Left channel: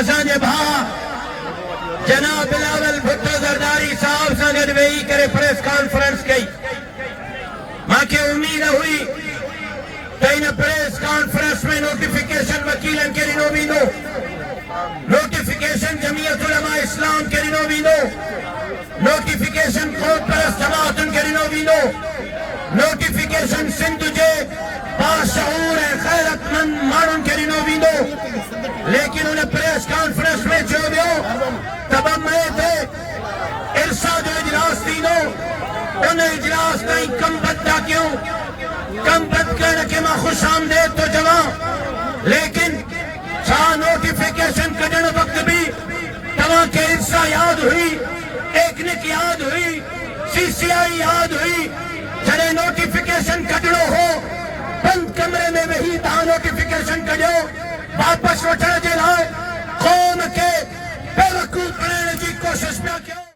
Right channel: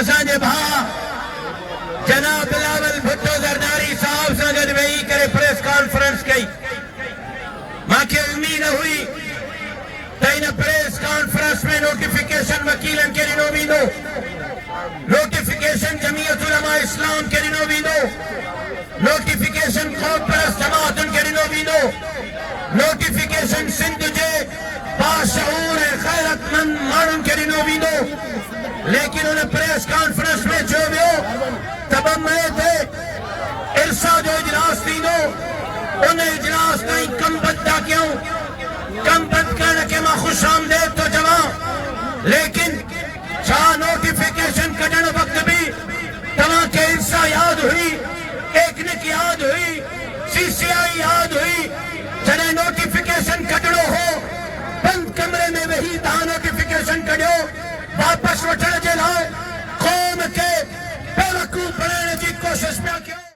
असांजे भाउ जनाब बिलावल भुट्टो ज़रदारी साहब सां गॾु वेही करे प्रेस कॉन्फ्रेंस कई। मूंखे उम्मीद हुई त इन प्रेस कॉन्फ्रेंस में नोटिफिकेशन वकीलन खे ॾिनो वेंदो, नोटिफिकेशन जमीयत उलमा इस्लाम खे ॾिनो वेंदो, नोटिफिकेशन क़ौम परस्त जमातुनि खे ॾिनो वेंदो, नोटिफिकेशन सिंध जे बाशऊर ऐं ग़ैरतमंद माण्हुनि खे ॾिनो वेंदो। लेकिन उन प्रेस कॉन्फ्रेंस में चयो वियो त 2 मई ते इरसा जो इजलास थींदो, उन इजलास ताईं कमबंद था कयूं। कमबंद करण खे मां ख़ुशि आमदेद थो चवां, लेकिन छा नोटिफिकेशन कढण वक़्तु बि तव्हांखे इरसा यादि हुई, टेक्निक यादि हुई, CCI यादि हुई? जॾहिं नोटिफिकेशन कढणो हो बंद कमरे में वेही तव्हां नोटिफिकेशन कढियो वापसि वठण जे लाइ क़ौम खे बेवकूफ़ बनाइण जी कोशिश पिया कयो।